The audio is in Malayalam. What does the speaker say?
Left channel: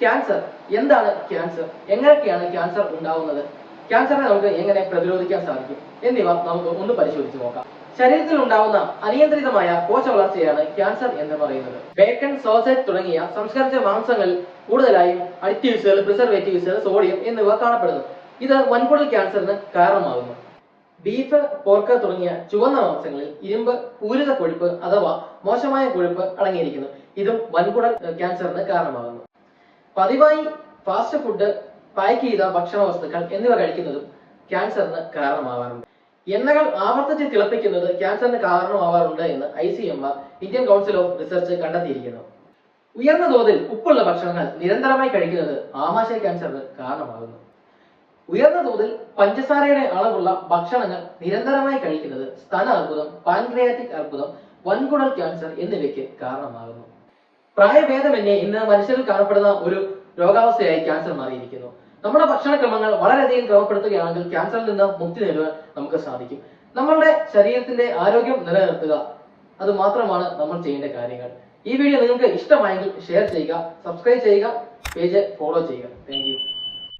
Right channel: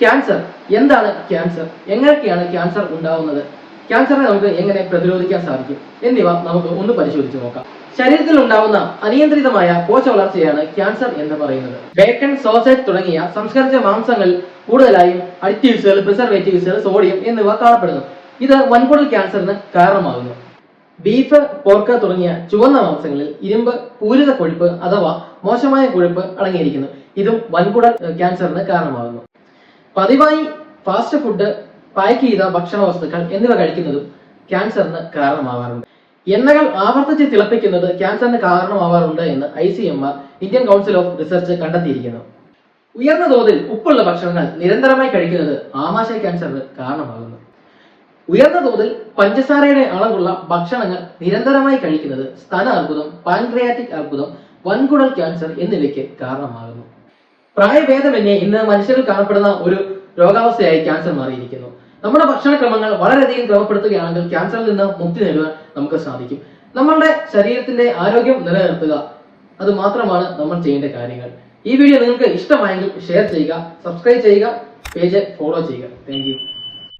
ക്യാൻസർ എന്താണ് ക്യാൻസർ, എങ്ങനെയൊക്കെയാണ് ക്യാൻസർ ഉണ്ടാവുന്നത്, ക്യാൻസറിനെ നമുക്ക് എങ്ങനെ പ്രതിരോധിക്കാൻ സാധിക്കും എന്നിവ നമുക്ക് ഒന്ന് പരിശോധിച്ച് നോക്കാം. ശരീരത്തിൽ ഉണ്ടാവുന്ന അനിയന്ത്രിതമായ കോശ വളർച്ചയാണ് ക്യാൻസർ എന്ന് പറയുന്നത്. ബേക്കൺ, സോസേജ് തുടങ്ങിയ സംസ്കരിച്ച മാംസങ്ങളിൽ കൂടുതലായും അഡിറ്റീവ്സുകൾ, പ്രിസർവേറ്റീവ്സുകൾ, സോഡിയം എന്നിവ കാണപ്പെടുന്നു. ഇത് വൻകുടൽ ക്യാൻസറിന് കാരണമാകുന്നു. ബീഫ്, പോർക്ക് തുടങ്ങിയ ചുവന്ന മാംസങ്ങളിൽ ഇരുമ്പ്, പൂരിത കൊഴുപ്പ് അഥവാ മോശമായ കൊഴുപ്പ് അടങ്ങിയിരിക്കുന്നു. ഇതും വൻകുടൽ ക്യാൻസറിന് കാരണമാകുന്നു. പതിവായി ഫാസ്റ്റ് ഫുഡ്, പാക്ക് ചെയ്ത ഭക്ഷണ വസ്തുക്കൾ എന്നിവ കഴിക്കുന്നതും ക്യാൻസറിന് കാരണമാവാറുണ്ട്. എണ്ണകൾ ആവർത്തിച്ച് തിളപ്പിക്കുന്നത് ക്യാൻസറിന് കാരണമാവാറുണ്ട് എന്ന് ICMR, Indian council of research, കണ്ടെത്തിയിരിക്കുന്നു. ഉയർന്ന തോതിൽ ഉപ്പുള്ള ഭക്ഷണങ്ങൾ നിരന്തരമായി കഴിക്കുന്നത് ആമാശയ ക്യാൻസറിന് കാരണമാകുന്നു. ഉയർന്ന തോതിൽ പഞ്ചസാരയുടെ അളവുള്ള ഭക്ഷണങ്ങൾ നിരന്തരമായി കഴിക്കുന്നത് സ്തന അർബുദം, പാൻക്രിയാറ്റിക് അർബുദം, വൻകുടൽ ക്യാൻസർ എന്നിവയ്ക്ക് കാരണമാകുന്നു. പ്രായഭേദമന്യേ ഇന്ന് മനുഷ്യരിൽ കാണപ്പെടുന്ന ഒരു രോഗാവസ്ഥയായി ക്യാൻസർ മാറിയിരിക്കുന്നു. നമ്മുടെ ഭക്ഷണക്രമങ്ങൾ വളരെയധികം ക്രമപ്പെടുത്തുകയാണെങ്കിൽ ക്യാൻസറിൽ നിന്ന് മുക്തി നേടുവാൻ നമുക്ക് സാധിക്കും. നമ്മളുടെ ശരീരത്തിന്റെ ആരോഗ്യം നിലനിർത്തുക, അത് മാത്രമാണ് നമ്മൾ ചെയ്യേണ്ട കാര്യങ്ങൾ. ഈ വീഡിയോ നിങ്ങൾക്ക് ഇഷ്ടമായെങ്കിൽ ഷെയർ ചെയ്യുക, സബ്സ്ക്രൈബ് ചെയ്യുക, പേജ് ഫോളോ ചെയ്യുക. Thank you.